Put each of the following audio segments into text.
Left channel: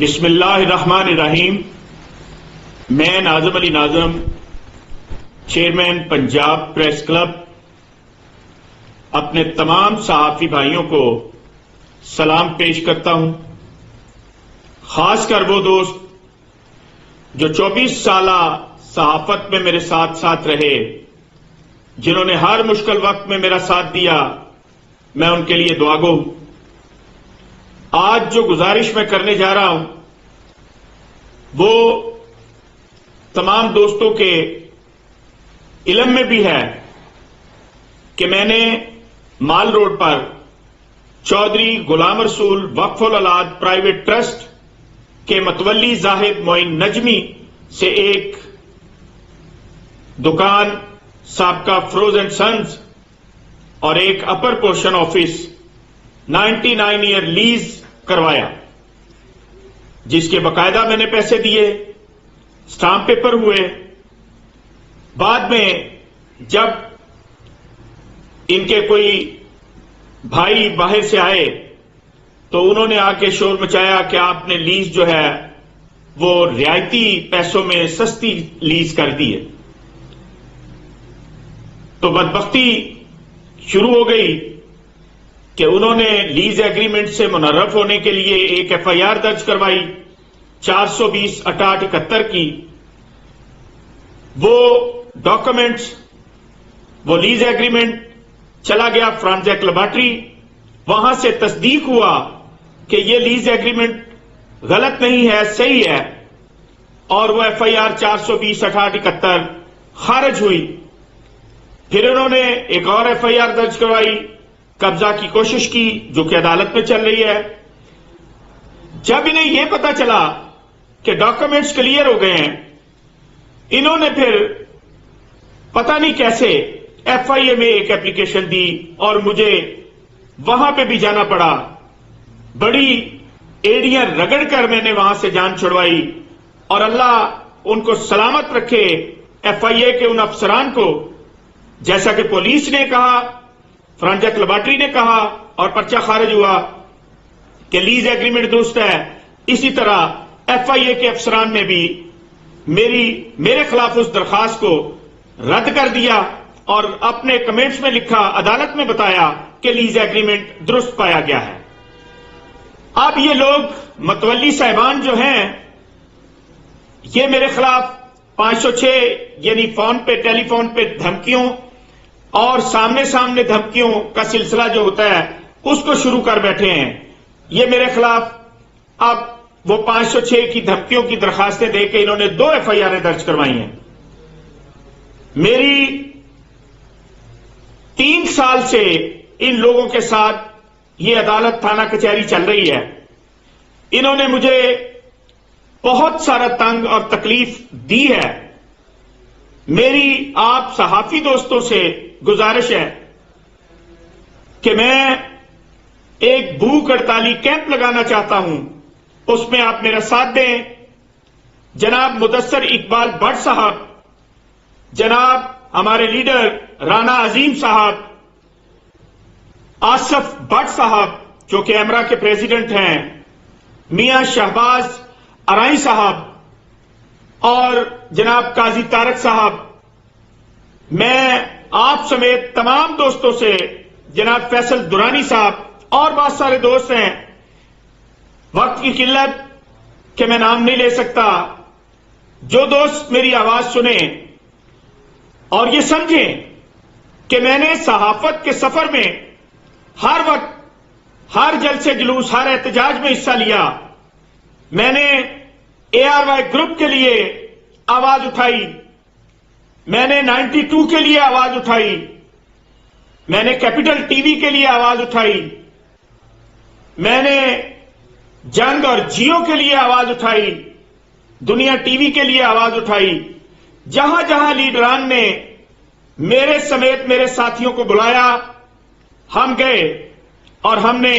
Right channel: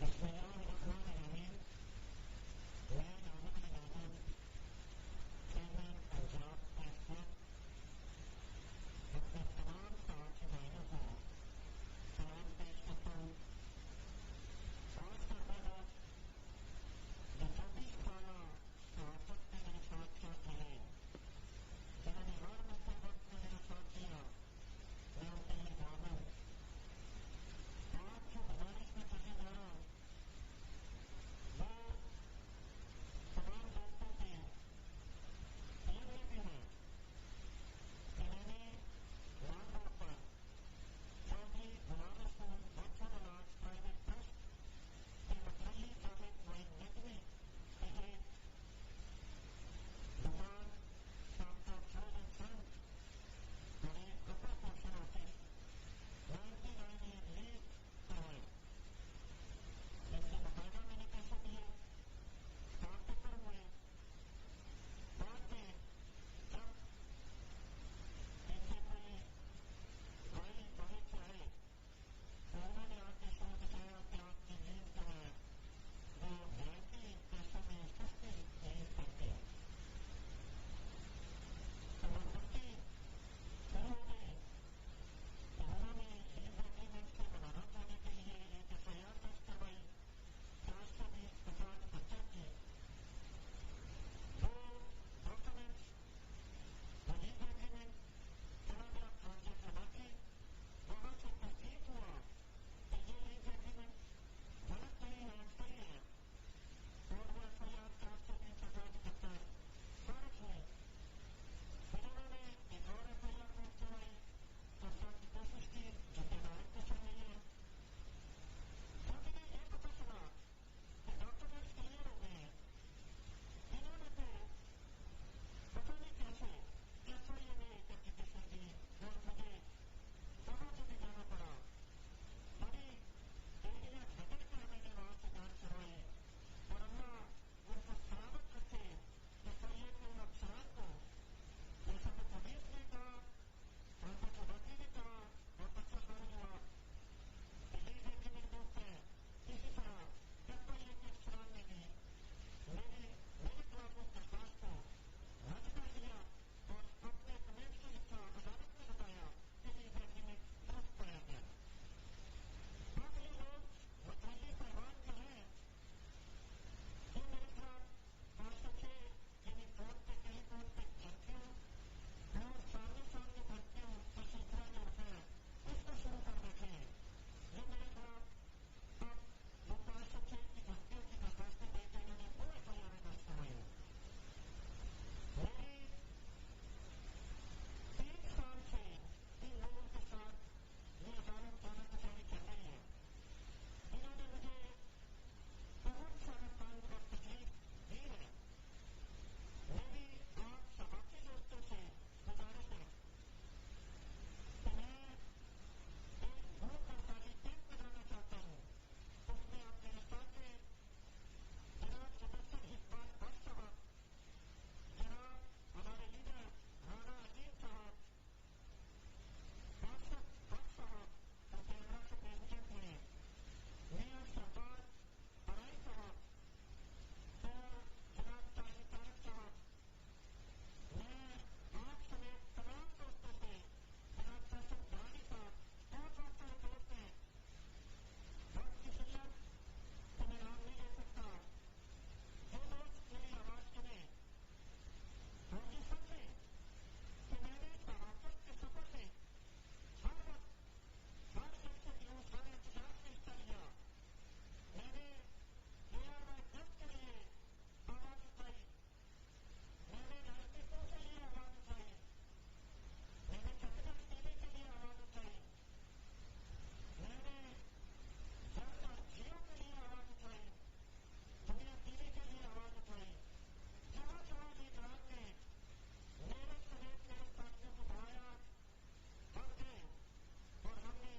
بسم اللہ الرحمن الرحیم۔ میں ناظم علی ناظم، چیئرمین پنجاب پریس کلب، اپنے تمام صحافی بھائیوں کو سلام پیش کرتا ہوں، خاص کر وہ دوست جو 24 سالہ صحافت میں میرے ساتھ ساتھ رہے، جنہوں نے ہر مشکل وقت میں میرا ساتھ دیا، میں ان کے لیے دعا گو ہوں۔ آج جو گزارش میں کرنے جا رہا ہوں وہ تمام دوستوں کے علم میں بھی ہے کہ میں نے مال روڈ پر چودھری غلام رسول وقف الاولاد پرائیویٹ ٹرسٹ کے متولی زاہد معین نجمی سے ایک دکان، سابقہ فروز اینڈ سنز اور ایک upper portion office 99 year lease کروایا، جس کے باقاعدہ میں نے پیسے دیے، سٹامپ پیپر ہوئے۔ بعد میں جب ان کے کوئی بھائی باہر سے آئے تو انہوں نے آ کے شور مچایا کہ آپ نے لیز جو ہے وہ رعایتی پیسوں میں سستی لیز کر دی ہے۔ تو بدبختی شروع ہو گئی کہ انہوں نے لیز ایگریمنٹ سے منحرف ہونے کے لیے ایک ایف آئی آر درج کروائی 420/6871 کی۔ وہ ڈاکومنٹس، وہ لیز ایگریمنٹ چلا گیا فرانزیک لیبارٹری، وہاں سے تصدیق ہوا کہ یہ لیز ایگریمنٹ غلط نہیں ہے، صحیح ہے، اور وہ ایف آئی آر 420/6871 خارج ہوئی۔ پھر انہوں نے ایک اور ایف آئی آر درج کروائی، قبضہ کی کوشش کی، جو کہ عدالت میں چل رہی ہے۔ جب انہیں یہ پتا چلا کہ ڈاکومنٹس کلیئر ہو گئے ہیں، انہوں نے پھر پتہ نہیں کیسے ایف آئی اے میں ایک اپلیکیشن دی اور مجھے وہاں پہ بھی جانا پڑا۔ بڑی ایڑیاں رگڑ کر میں نے وہاں سے جان چھڑوائی، اور اللہ ان کو سلامت رکھے، ایف آئی اے کے ان افسران کو، جیسا کہ پولیس نے کہا، فرانزیک لیبارٹری نے کہا اور پرچہ خارج ہوا کہ لیز ایگریمنٹ درست ہے، اسی طرح ایف آئی اے کے افسران نے بھی میرے خلاف اس درخواست کو رد کر دیا اور اپنے کمنٹس میں لکھا، عدالت میں بتایا کہ لیز ایگریمنٹ درست پایا گیا ہے۔ اب یہ لوگ متولی صاحبان جو ہیں، یہ میرے خلاف 506 یعنی فون پہ، ٹیلی فون پہ دھمکیوں اور سامنے سامنے دھمکیوں کا سلسلہ جو ہوتا ہے اس کو شروع کر بیٹھے ہیں۔ یہ میرے خلاف اب وہ 506 کی دھمکیوں کی درخواستیں دے کے انہوں نے 2 ایف آئی آریں درج کروائی ہیں۔ میری 3 سال سے ان لوگوں کے ساتھ یہ عدالت تھانہ کچہری چل رہی ہے۔ انہوں نے مجھے بہت سارا تنگ اور تکلیف دی ہے۔ میری آپ صحافی دوستوں سے گزارش ہے کہ میں ایک بھوک ہڑتالی کیمپ لگانا چاہتا ہوں، اس میں آپ میرا ساتھ دیں۔ جناب مدثر اقبال بٹ صاحب، جناب ہمارے لیڈر رانا عظیم صاحب، آصف بٹ صاحب جو کہ ایمرا کے پریزیڈنٹ ہیں، میاں شہباز ارائی صاحب اور جناب قاضی طارق صاحب، میں آپ سمیت تمام دوستوں سے، جناب فیصل درانی صاحب اور بہت سارے دوست ہیں، وقت کی قلت کہ میں نام نہیں لے سکتا، جو دوست میری آواز سنیں اور یہ سمجھیں کہ میں نے صحافت کے سفر میں ہر وقت، ہر جلسے جلوس، ہر احتجاج میں حصہ لیا۔ میں نے اے آر وائی گروپ کے لیے آواز اٹھائی، میں نے 92 کے لیے آواز اٹھائی، میں نے کیپٹل ٹی وی کے لیے آواز اٹھائی، میں نے جنگ اور جیو کے لیے آواز اٹھائی، دنیا ٹی وی کے لیے آواز اٹھائی۔ جہاں جہاں لیڈران نے میرے سمیت میرے ساتھیوں کو بلایا، ہم گئے اور ہم نے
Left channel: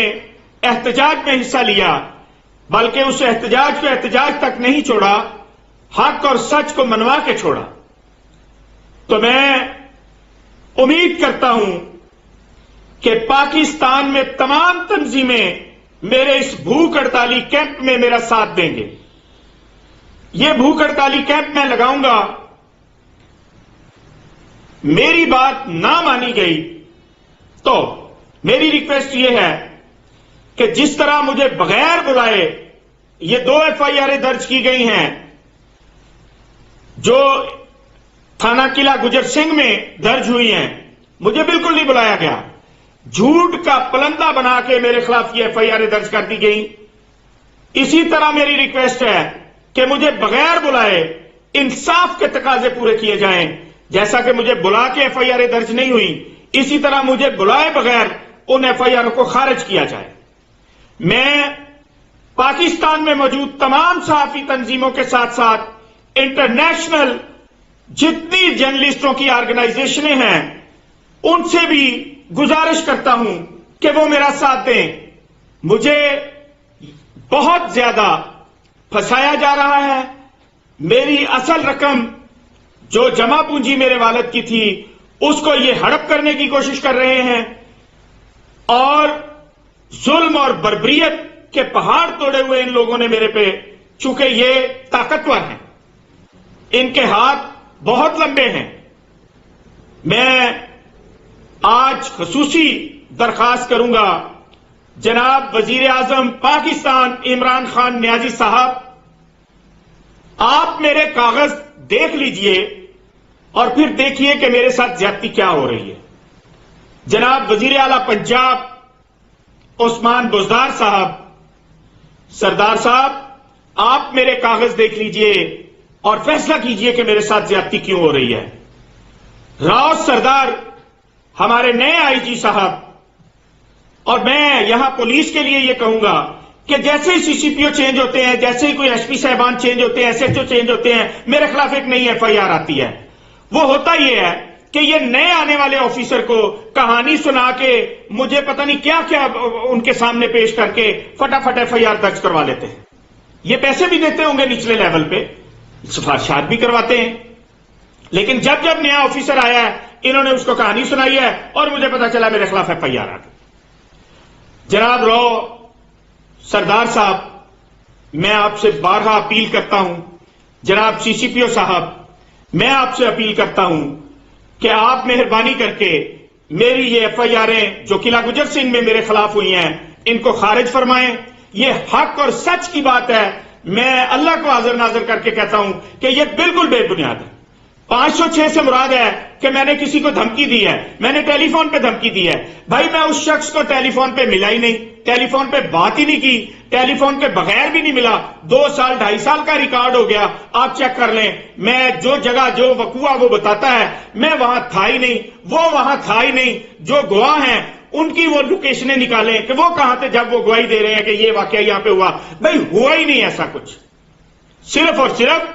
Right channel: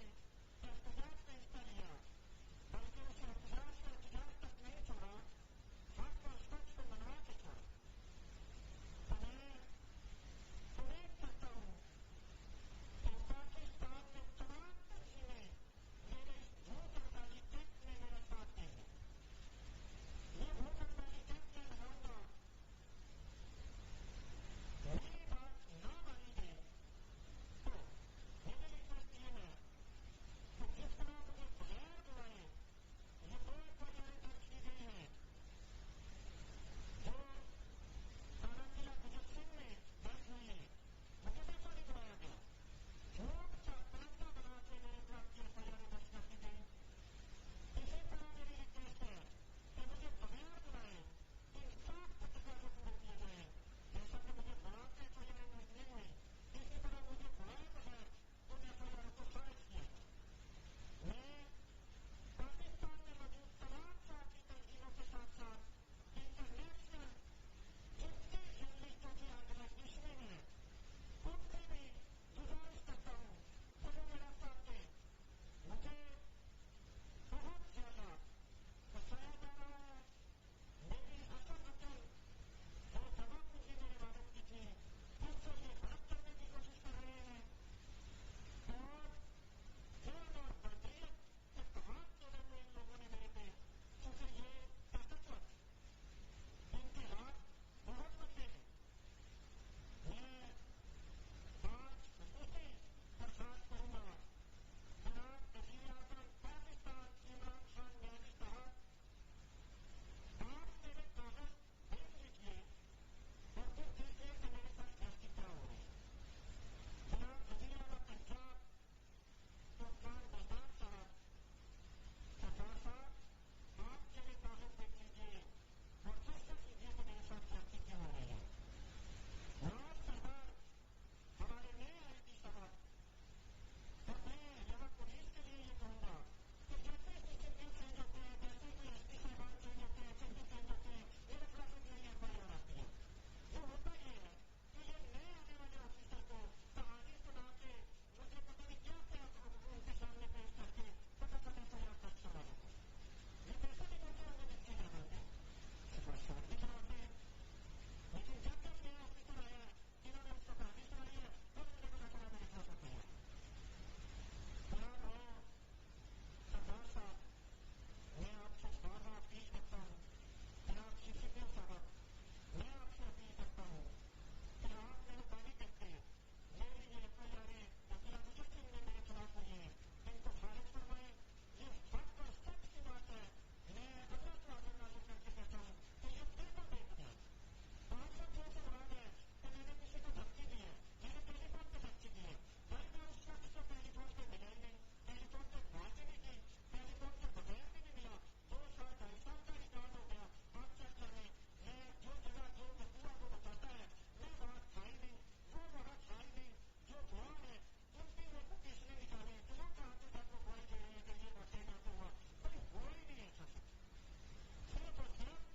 احتجاج میں حصہ لیا، بلکہ اس احتجاج کو احتجاج تک نہیں چھوڑا، حق اور سچ کو منوا کے چھوڑا۔ تو میں امید کرتا ہوں کہ پاکستان میں تمام تنظیمیں میرے اس بھوک ہڑتالی کیمپ میں میرا ساتھ دیں گے. یہ بھوک ہڑتالی کیمپ میں لگاؤں گا. میری بات نہ مانی گئی تو میری ریکویسٹ یہ ہے کہ جس طرح مجھے بغیر بلائے یہ 2 FIR درج کی گئی ہیں جو تھانہ قلعہ گجر سنگھ میں درج ہوئی ہیں، مجھے بالکل نہیں بلایا گیا. جھوٹ کا پلندہ بنا کے میرے خلاف یہ FIR درج کر دی گئی. اسی طرح میری ریکویسٹ ہے کہ مجھے بغیر بلائے انصاف کے تقاضے پورے کیے جائیں. جیسا کہ مجھے بلا کے FIR درج نہیں ہوئی، اسی طرح مجھے بلائے بغیر ان FIR کو خارج کیا جائے. میں پاکستان میں موجود تمام صحافی تنظیموں کے ساتھ ساتھ انٹرنیشنل جتنی جرنلسٹوں کی آرگنائزیشنیں ہیں ان سے بھی گزارش کرتا ہوں کہ وہ میرا ساتھ دیں. مجھے بہت زیادہ پھنسایا جا رہا ہے. میری اصل رقم جو جمع پونجی میرے والد کی تھی اس کو یہ ہڑپ کرنے کی کوشش کر رہے ہیں اور ظلم اور بربریت کے پہاڑ توڑے ہوئے ان لوگوں نے میرے پہ، چونکہ یہ طاقتور ہیں، ان کے ہاتھ بہت لمبے ہیں. میں آج خصوصی درخواست کروں گا جناب وزیر اعظم پاکستان عمران خان نیازی صاحب، آپ میرے کاغذ دیکھ لیجئے اور پھر دیکھیے کہ میرے ساتھ زیادتی کیا ہو رہی ہے. جناب وزیر اعلیٰ پنجاب عثمان بزدار صاحب، سردار صاحب آپ میرے کاغذ دیکھ لیجئے اور فیصلہ کیجئے کہ میرے ساتھ زیادتی کیوں ہو رہی ہے. راؤ سردار ہمارے نئے IG صاحب، اور میں یہاں پولیس کے لیے یہ کہوں گا کہ جیسے ہی CCPO چینج ہوتے ہیں، جیسے ہی کوئی SP صاحبان چینج ہوتے ہیں، SHO چینج ہوتے ہیں، میرے خلاف ایک نئی FIR آتی ہے. وہ ہوتا یہ ہے کہ یہ نئے آنے والے آفیسر کو کہانی سنا کے مجھے پتہ نہیں کیا کیا ان کے سامنے پیش کر کے فٹافٹ FIR درج کروا لیتے ہیں. یہ پیسے بھی دیتے ہوں گے نچلے لیول پہ، سفارشات بھی کرواتے ہیں، لیکن جب جب نیا آفیسر آیا ہے انہوں نے اس کو کہانی سنائی ہے اور مجھے پتا چلا میرے خلاف FIR آ گئی. جناب راؤ سردار صاحب، میں آپ سے بارہا اپیل کرتا ہوں، جناب CCPO صاحب میں آپ سے اپیل کرتا ہوں کہ آپ مہربانی کر کے میری یہ FIRیں جو قلعہ گجر سنگھ میں میرے خلاف ہوئی ہیں ان کو خارج فرمائیں. یہ حق اور سچ کی بات ہے. میں اللہ کو حاضر ناظر کر کے کہتا ہوں کہ یہ بالکل بے بنیاد ہے. 506 سے مراد ہے کہ میں نے کسی کو دھمکی دی ہے، میں نے ٹیلی فون پہ دھمکی دی ہے. بھائی میں اس شخص کو ٹیلی فون پہ ملا ہی نہیں، ٹیلی فون پہ بات ہی نہیں کی، ٹیلی فون کے بغیر بھی نہیں ملا. 2 سال 2.5 سال کا ریکارڈ ہو گیا، آپ چیک کر لیں. میں جو جگہ جو وقوع وہ بتاتا ہے میں وہاں تھا ہی نہیں، وہ وہاں تھا ہی نہیں. جو گواہ ہیں ان کی وہ لوکیشنیں نکالیں کہ وہ کہاں تھے جب وہ گواہی دے رہے ہیں کہ یہ واقعہ یہاں پہ ہوا. بھائی ہوا ہی نہیں ایسا کچھ. صرف اور صرف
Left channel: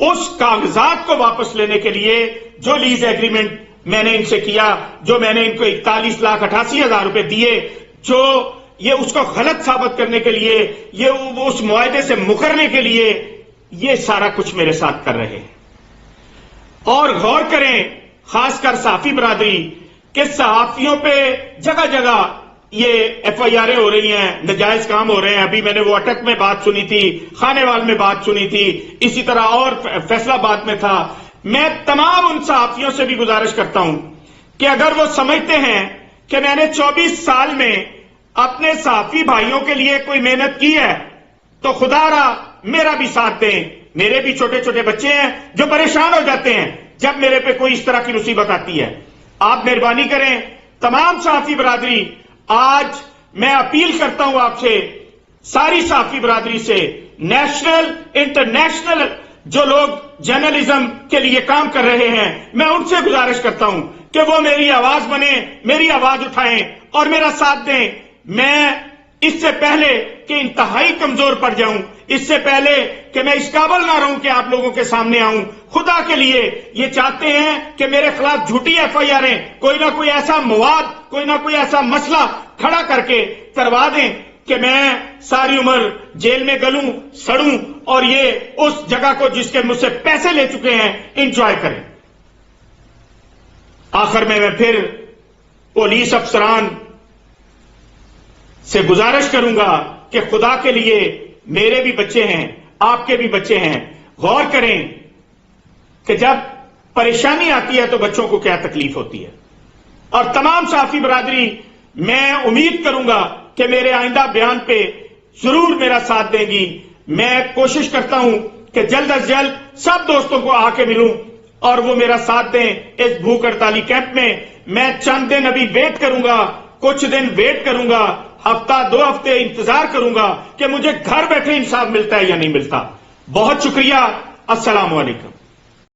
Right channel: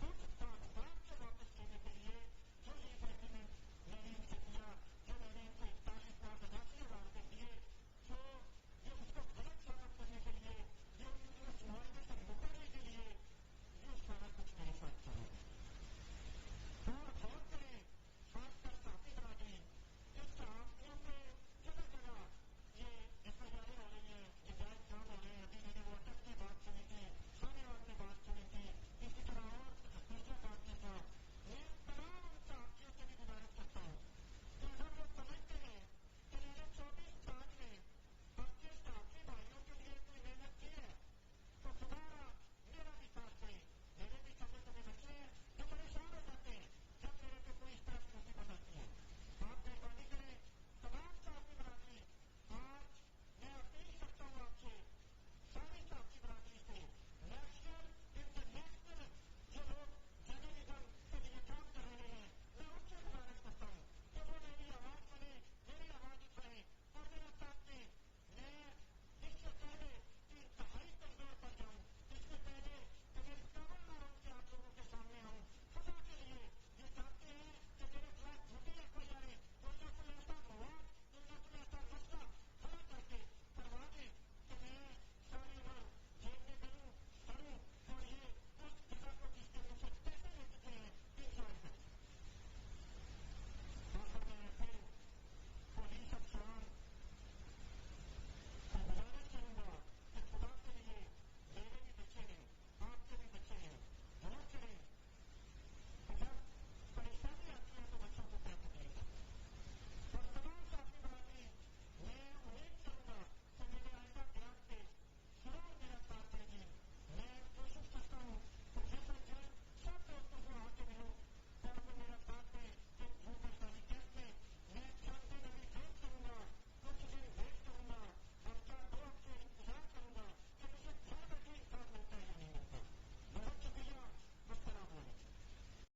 اس کاغذات کو واپس لینے کے لیے جو لیز ایگریمنٹ میں نے ان سے کیا، جو میں نے ان کو 41,88,000 روپے دیے، جو یہ اس کو غلط ثابت کرنے کے لیے، یہ اس معاہدے سے مکرنے کے لیے، یہ سارا کچھ میرے ساتھ کر رہے ہیں. اور غور کریں خاص کر صحافی برادری کہ صحافیوں پہ جگہ جگہ یہ FIRیں ہو رہی ہیں، نجائز کام ہو رہے ہیں. ابھی میں نے وہ اٹک میں بات سنی تھی، خانے وال میں بات سنی تھی، اسی طرح اور فیصلہ آباد میں تھا. میں تمام ان صحافیوں سے بھی گزارش کرتا ہوں کہ اگر وہ سمجھتے ہیں کہ میں نے 24 سال میں اپنے صحافی بھائیوں کے لیے کوئی محنت کی ہے تو خدا را میرا بھی ساتھ دیں. میرے بھی چھوٹے چھوٹے بچے ہیں جو پریشان ہو جاتے ہیں جب میرے پہ کوئی اس طرح کی مصیبت آتی ہے. آپ مہربانی کریں تمام صحافی برادری. آج میں اپیل کرتا ہوں آپ سے، ساری صحافی برادری سے، نیشنل انٹرنیشنل جو لوگ جرنلزم کے لیے کام کر رہے ہیں، میں ان سے گزارش کرتا ہوں کہ وہ میری آواز بنے، میری آواز اٹھائیں اور میرا ساتھ دیں. میں اس سے پہلے کہ انتہائی کمزور پڑ جاؤں، اس سے پہلے کہ میں اس قابل نہ رہوں کہ آپ لوگوں کے سامنے آؤں، خدا کے لیے یہ چاہتے ہیں کہ میرے خلاف جھوٹی FIRیں کوئی نہ کوئی ایسا مواد، کوئی نہ کوئی ایسا مسئلہ کھڑا کر کے کروا دیں کہ میں ساری عمر جیل میں گلوں، سڑوں اور یہ اس جگہ کو جس کے مجھ سے پیسے لے چکے ہیں انجوائے کریں. آخر میں پھر پولیس افسران سے گزارش کروں گا کہ خدا کے لیے میرے بھی بچے ہیں، آپ کے بھی بچے ہیں، غور کریں کہ جب پریشانی آتی ہے تو بچوں کو کیا تکلیف ہوتی ہے۔ اور تمام صحافی برادری، میں امید کروں گا کہ میرے آئندہ بیان پہ ضرور میرا ساتھ دیں گی۔ میں کوشش کرتا ہوں کہ جلد از جلد سب دوستوں کو آ کے ملوں اور وہ میرا ساتھ دیں اس بھوک ہڑتالی کیمپ میں۔ میں چند دن ابھی ویٹ کروں گا، کچھ دن ویٹ کروں گا، ہفتہ 2 ہفتے انتظار کروں گا کہ مجھے گھر بیٹھے انصاف ملتا ہے یا نہیں ملتا۔ بہت شکریہ، السلام علیکم۔